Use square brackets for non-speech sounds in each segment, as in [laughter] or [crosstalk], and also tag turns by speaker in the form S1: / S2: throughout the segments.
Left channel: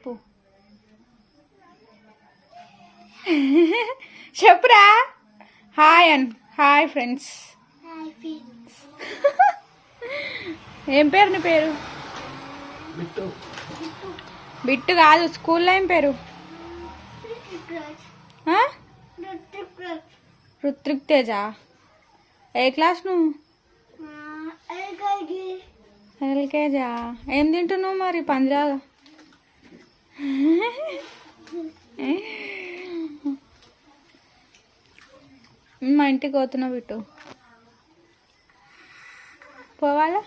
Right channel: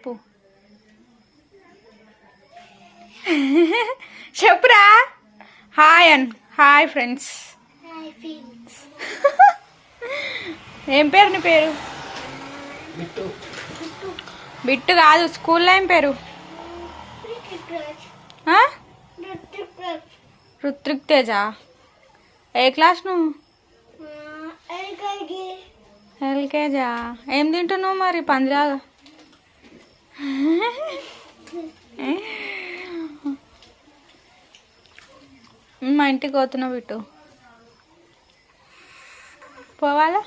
S1: చెప్పు. [laughs] చెప్పురా. హాయ్ అన్ hi friends. [laughs] ఏం పేరు నీ పేరు? బిట్టు. కాదు స్కూల్లో ఏం పేరు? రుత్రిక్ తేజ ఏ క్లాస్ నువ్వు? ఎల్కేజా? ఏం తింటున్నావు మరి పందిరాగా? [laughs] మా ఇంటికి పోతున్నావు బిట్టు. పోవాలా?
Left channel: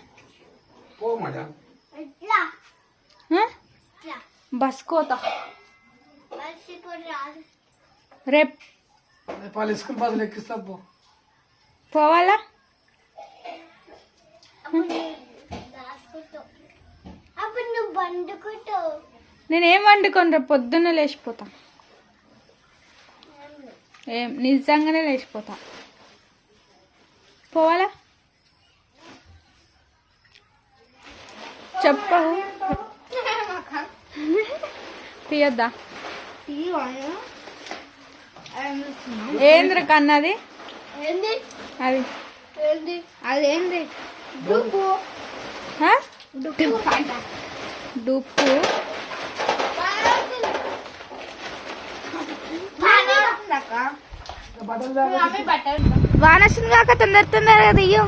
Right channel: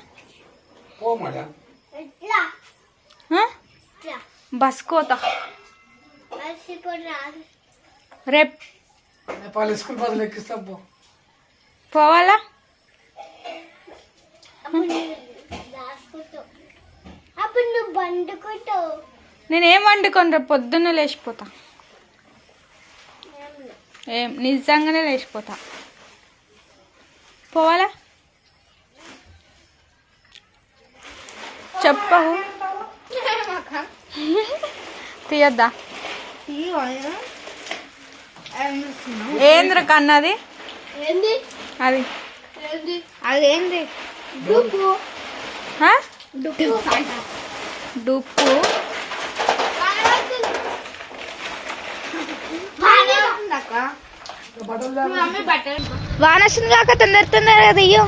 S1: బస్ కోతా. రేపు. పోవాలా?
S2: అప్పుడు నువ్వు బండుకుంటావు
S1: నేనేం వండుకొని రేపు పొద్దున్నే లేచిపోతా. ఏం నిజంగానే లేచిపోతా. పోవాలా? చెప్పవు తీయద్దా? ఏంద్ర కన్నది? అది.
S2: ఏంది? అదేంది డుప్పు.
S1: ఆ?
S2: వాన వస్తుంది కాక తొందర తొందర కదా అయ్యో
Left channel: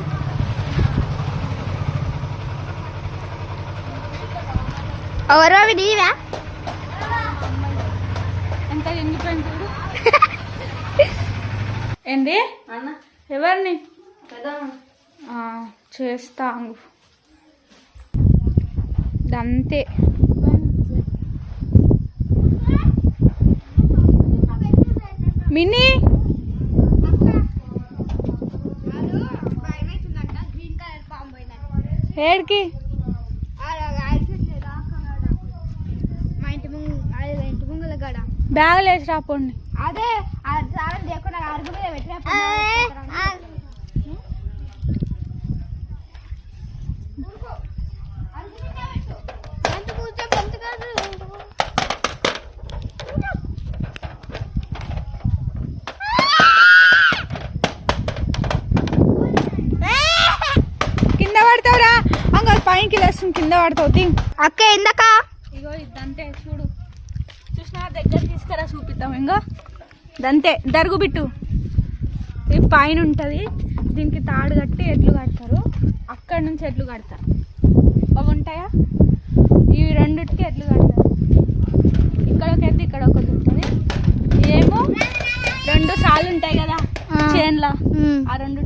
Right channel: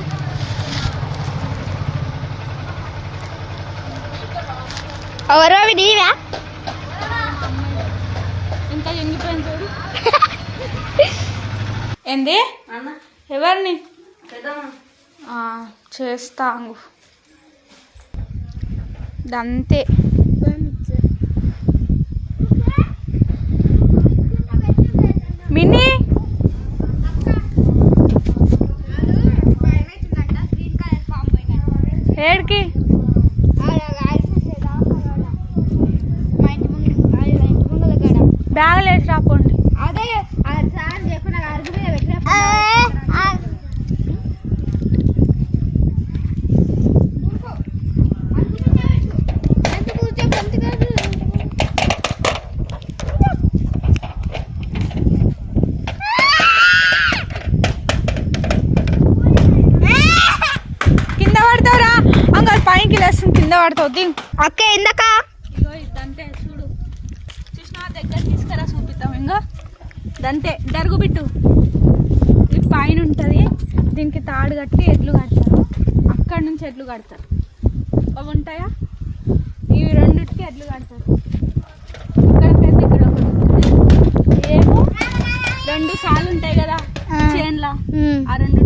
S2: ఎవరో అవి నీవా [laughs]
S1: ఏంది? ఎవరిని? ఆ, చేస్తా. అంగు. దంతే మినీ. ఏడికి? బ్యాగులు వేసి రాపోండి
S2: అదే చేయకుండా అరుగురే
S1: కింద పడతావురా అంగ పైకి లేస్తుంది కింద పడతావు దిగు
S2: అక్క
S1: ఇదంతే చూడు. చూసినా దగ్గర తీసుకురా చూపిస్తాం ఇంకా దంతే దరుగు బిట్టు. ఇది పైన ఉంటుంది. దీనికి తాడు కట్టి ఎడ్లు కడతారు. అక్కడ నుంచి ఎడ్లు కడతారు. అవి ఉంటాయా? ఇవి రెండింటికి ఎడ్లు కడతారు. ఇక్కడకైతే ఇక్కడ ఒకటి ఉంటుంది ఏమో రెండు సార్లు ఉంటాయి కదా. చేన్లా. ఆ రెండింటి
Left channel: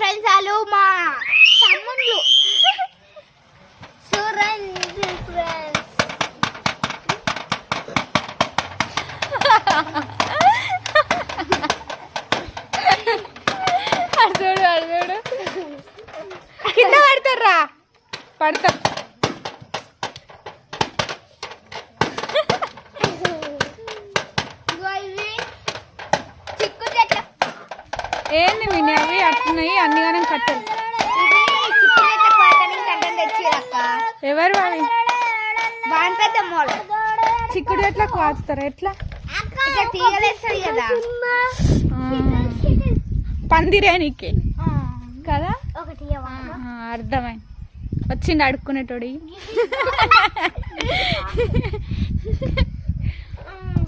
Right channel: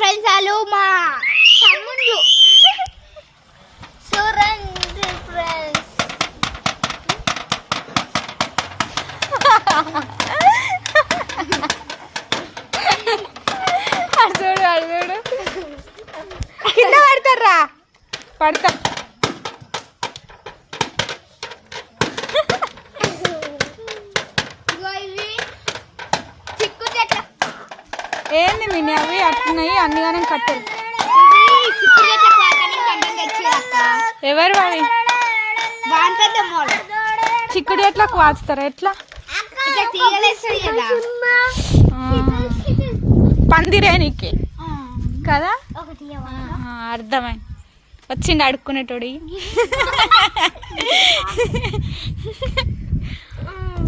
S2: ఫ్రెండ్స్ వాళ్ళు మా తమ్ముళ్ళు చూడండి ఫ్రెండ్స్
S1: అడు చూడు అడు చూడు కింద పడతారా పడతా
S2: ఇగో ఇవి చిక్కు చెట్లు
S1: ఏంది మిని అవి అట్టున్నాయి అన్నిగానే కట్టలు ఎవరు అవి చిక్కుడు ఎట్లా వాచుతారా ఎట్లా?
S2: ఇట్లా కదా
S1: పందిరేనికి కదా? అర్థమైంది. వచ్చిండు అడుక్కునేటోడి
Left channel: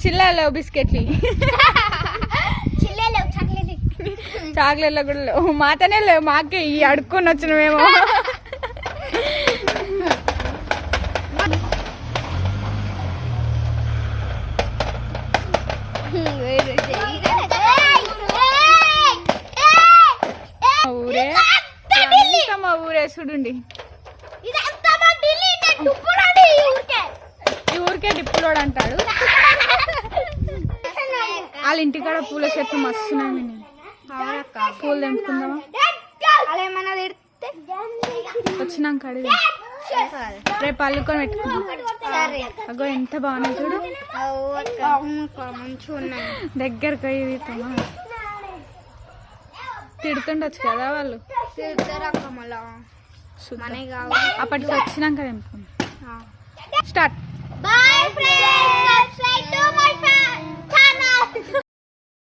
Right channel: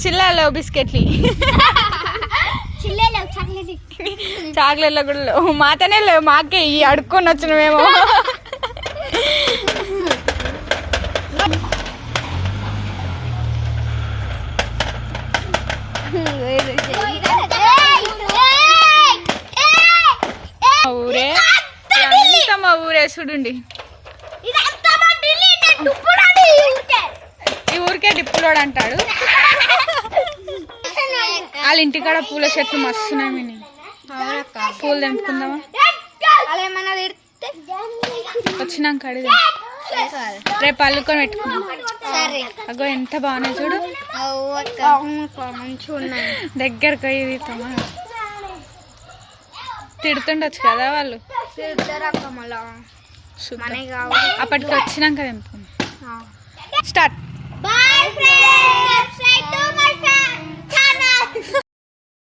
S1: చిల్లాలో బిస్కెట్లు.
S2: సేపు
S1: తాగలేదు కూడా మాతనే లేవు. మాకే ఈ అడుక్కొని వచ్చిన మేము ఊరే.
S3: అంతా మా ఊరే చూడండి. ఈ ఊరికే డిప్పులోడు అంటాడు. [laughs] వాళ్ళ ఇంటికాడ పూల చెట్లు మస్తున్నాయి పూలు తెంపుకుందామా?
S2: అలా ఏమన్నా తిడితే?
S3: వచ్చినాక అడిగి రేపు అల్లుకొని పెట్టుకుందాం.
S2: సరే.
S3: అగో ఎంత బాగున్నాయి చూడు. దగ్గరకు తమా తిడుతుండొచ్చు కదా వాళ్ళు. అప్పటికి వచ్చినాక తెంపుకుందాం. స్టార్ట్.